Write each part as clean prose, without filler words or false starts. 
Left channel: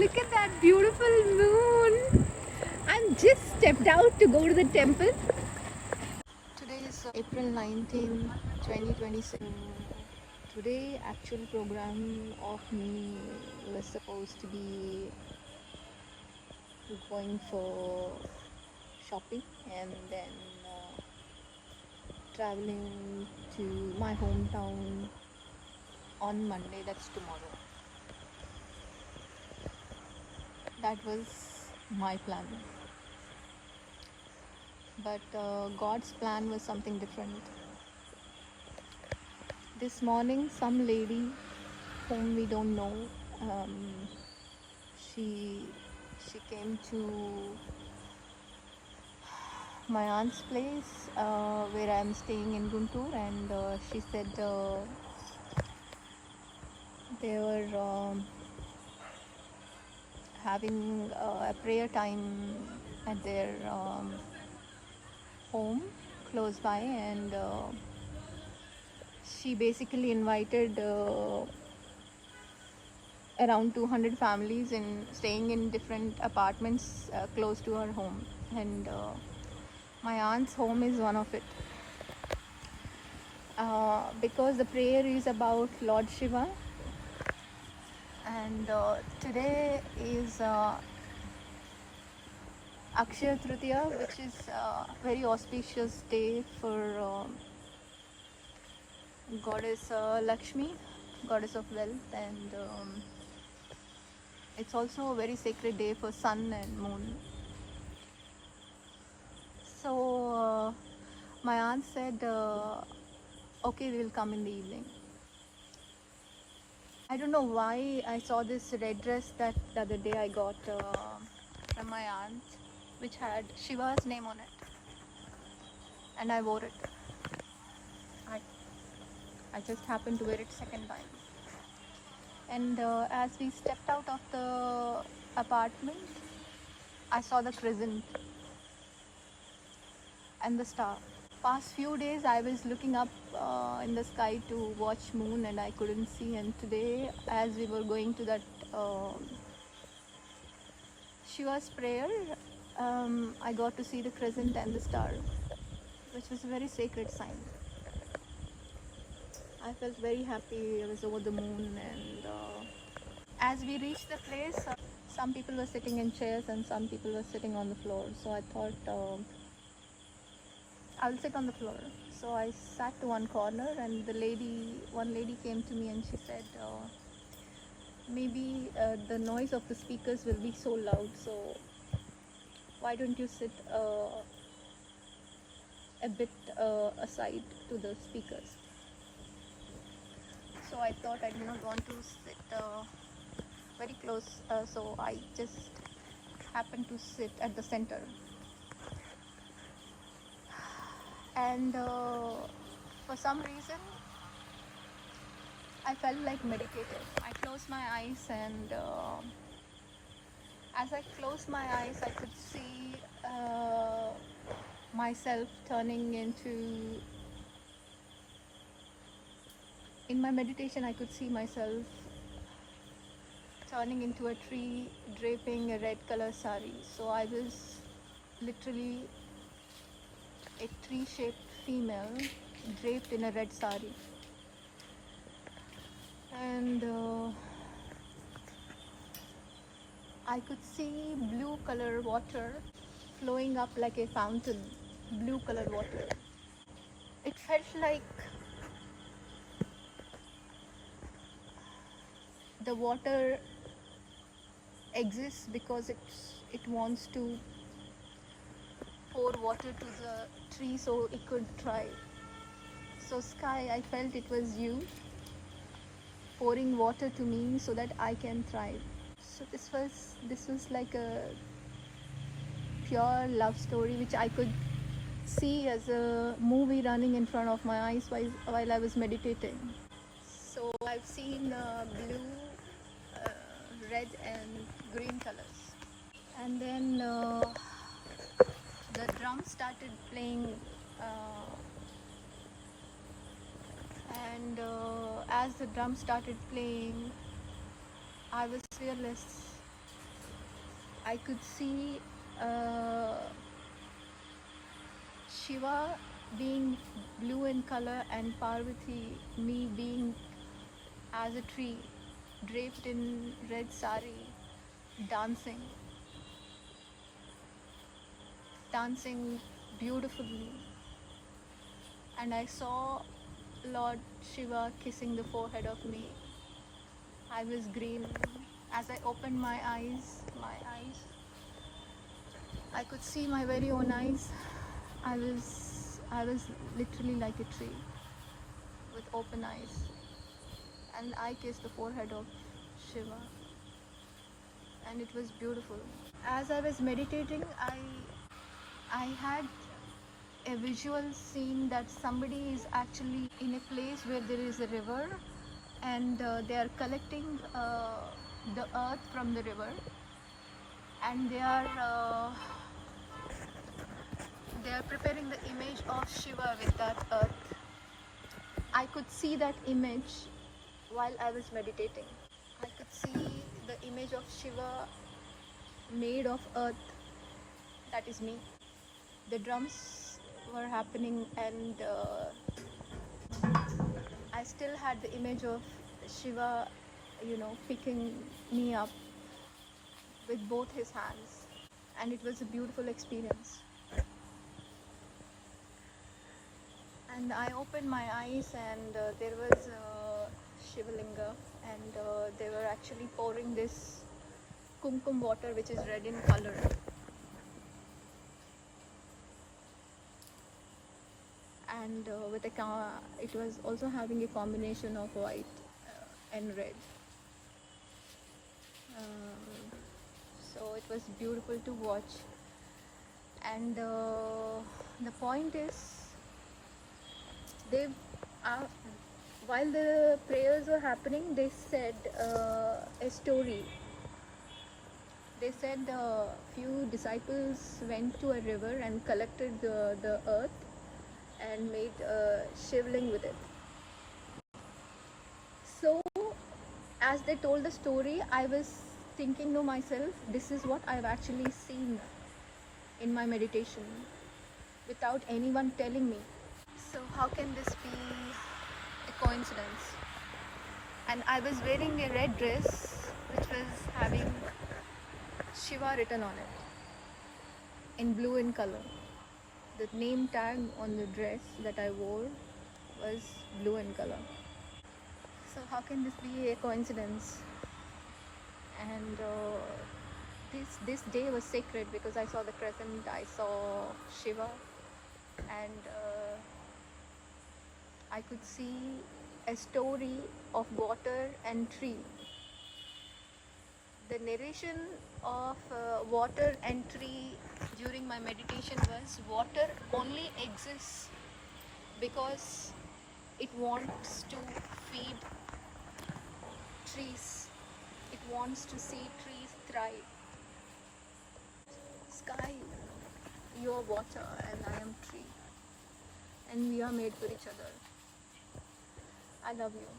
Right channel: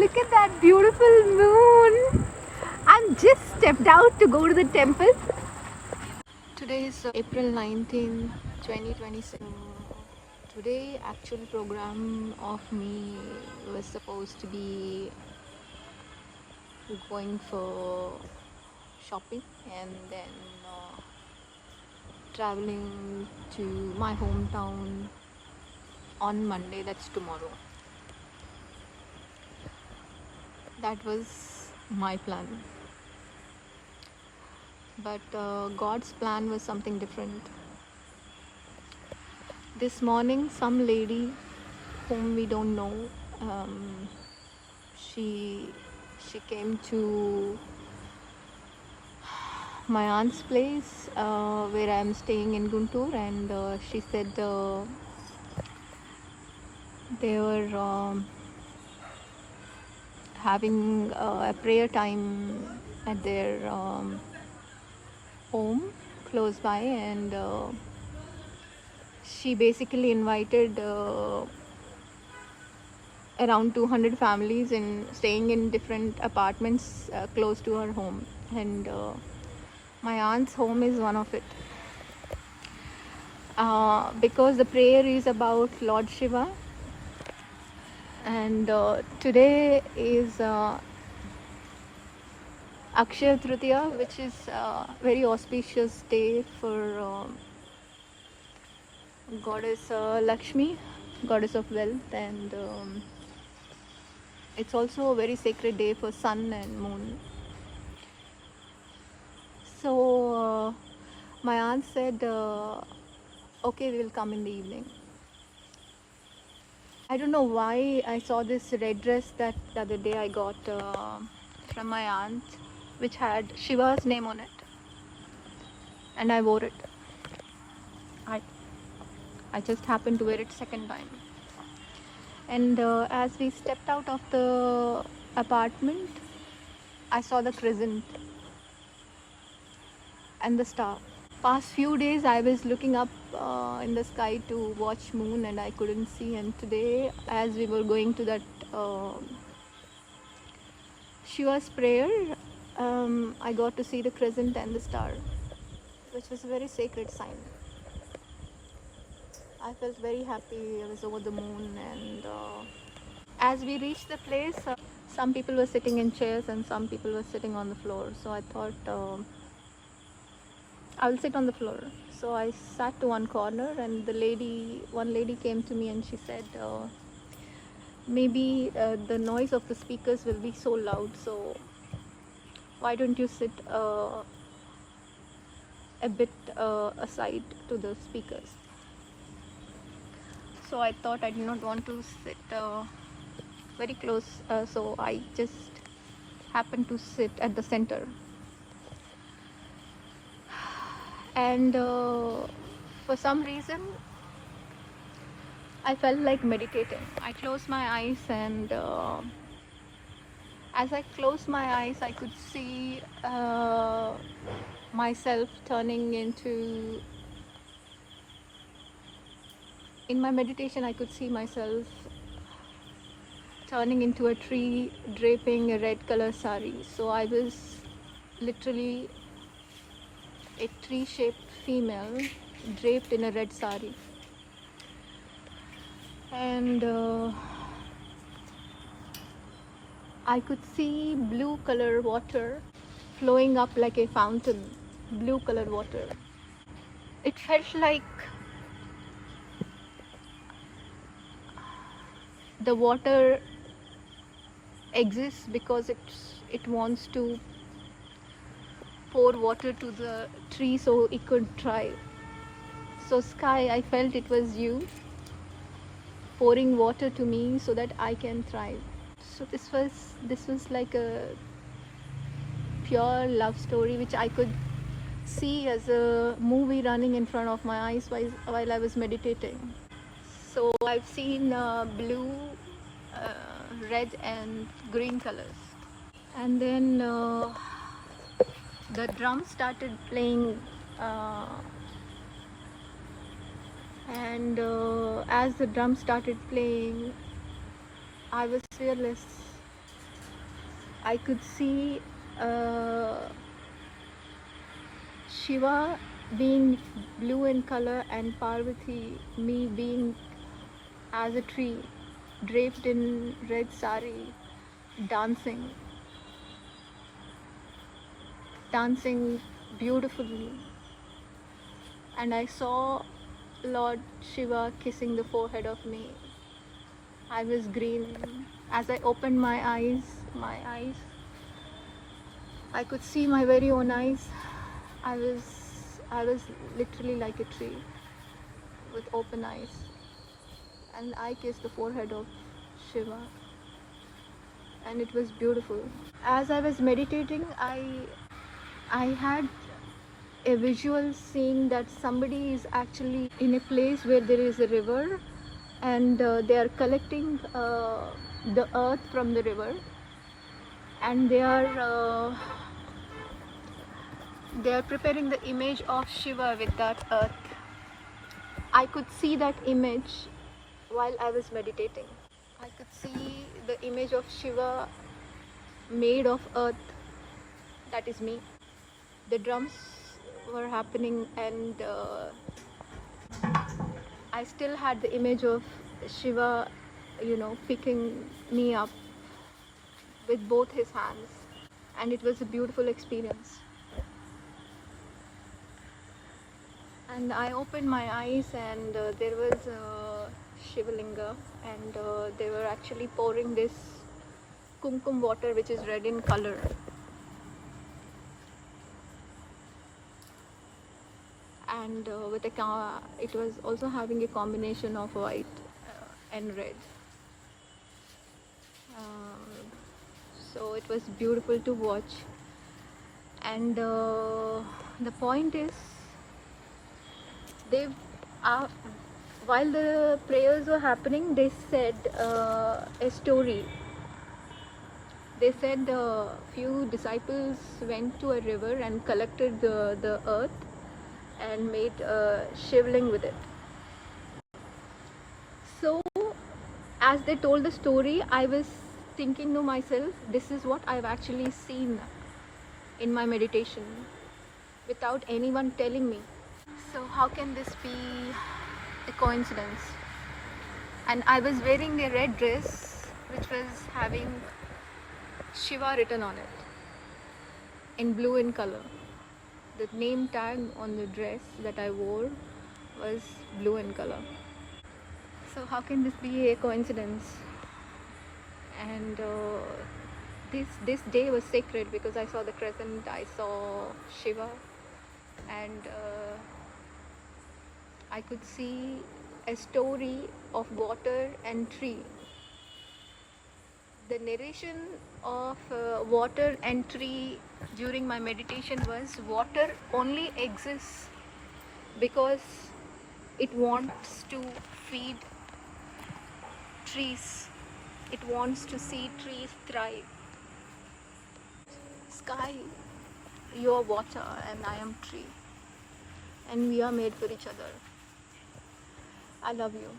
Look at that beautiful moon. I'm just stepped out to go to the temple. Today is April 19th, 2026. Today actual program of me was supposed to be going for shopping and then traveling to my hometown on Monday, that's tomorrow. That was my plan. But God's plan was something different. This morning, some lady whom we don't know, she came to my aunt's place where I'm staying in Guntur, and she said they were having a prayer time at their home close by, and she basically invited around 200 families in staying in different apartments close to her home, and my aunt's home is one of it. Because the prayer is about Lord Shiva, and today is Akshaya Tritiya, which is a very auspicious day for Goddess Lakshmi, Goddess of wealth, and it's also a very sacred day for sun and moon. So my aunt said, okay, we will come in the evening. I don't know why I saw this red dress that the other day I got from my aunt, which had Shiva's name on it, and I wore it. I just happened to wear it second time. And as we stepped out of the apartment, I saw the crescent and the star. Past few days I was looking up in the sky to watch moon and I couldn't see, and today as we were going to that Shiva's prayer, I got to see the crescent and the star, which was a very sacred sign. I felt very happy. I was over the moon, and as we reached the place, some people were sitting in chairs and some people were sitting on the floor. So I thought I'll sit on the floor. So I sat to one corner, and one lady came to me and she said, maybe the noise of the speakers will be so loud, so why don't you sit a bit aside to the speakers. So I thought I did not want to sit very close, so I just happened to sit at the center. And for some reason I felt like meditating. I closed my eyes, and as I closed my eyes I could see myself turning into, in my meditation I could see myself turning into a tree draping a red color sari. So I was literally a tree-shaped female draped in a red sari, and I could see blue color water flowing up like a fountain, blue color water. It felt like the water exists because it wants to pour water to the tree so it could thrive. So sky, I felt it was you pouring water to me so that I can thrive. So this was like a pure love story which I could see as a movie running in front of my eyes while I was meditating. So I've seen blue, red and green colors, and then the drum started playing, and as the drum started playing I was fearless. I could see Shiva being blue in color and Parvati, me being as a tree, draped in red sari, dancing, dancing beautifully. And I saw Lord Shiva kissing the forehead of me. I was green. As I opened my eyes, I could see my very own eyes. I was literally like a tree with open eyes, and I kissed the forehead of Shiva, and it was beautiful. As I was meditating, I had a visual seeing that somebody is actually in a place where there is a river, and they are collecting the earth from the river, and they are preparing the image of Shiva with that earth. I could see that image while I was meditating. I could see the image of Shiva made of earth. That is me. The drums were happening, and I still had the image of Shiva, picking me up with both his hands. And it was a beautiful experience. And I opened my eyes, and there was Shivalinga, and they were actually pouring this kumkum water, which is red in color. And it was also having a combination of white and red. So it was beautiful to watch. And the point is, while the prayers were happening, they said a story. They said a few disciples went to a river and collected the earth and made a shivling with it. So as they told the story, I was thinking to myself, this is what I've actually seen in my meditation without anyone telling me. So how can this be a coincidence? And I was wearing a red dress which was having Shiva written on it in blue in color. The name tag on the dress that I wore was blue in color. So how can this be a coincidence? And this day was sacred because I saw the crescent, I saw Shiva, and I could see a story of water and tree. The narration of water and tree during my meditation was, water only exists because it wants to feed trees. It wants to see trees thrive. Sky, you are water and I am tree. And we are made for each other. I love you.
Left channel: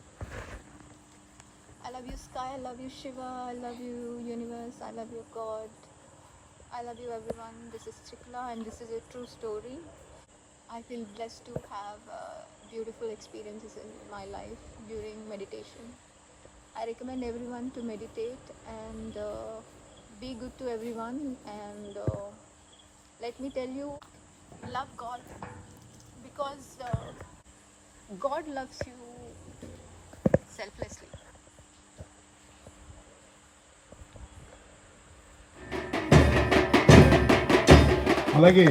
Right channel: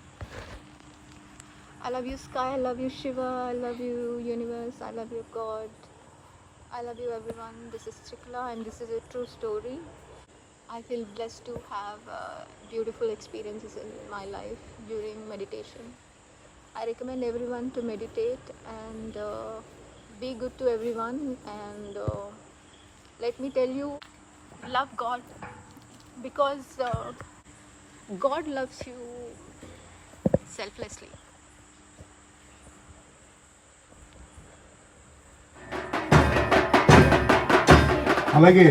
I love you, Sky. I love you, Shiva. I love you, universe. I love you, God. I love you, everyone. This is Chikla, and this is a true story. I feel blessed to have beautiful experiences in my life during meditation. I recommend everyone to meditate and be good to everyone. And let me tell you, love God, because God loves you selflessly. అలాగే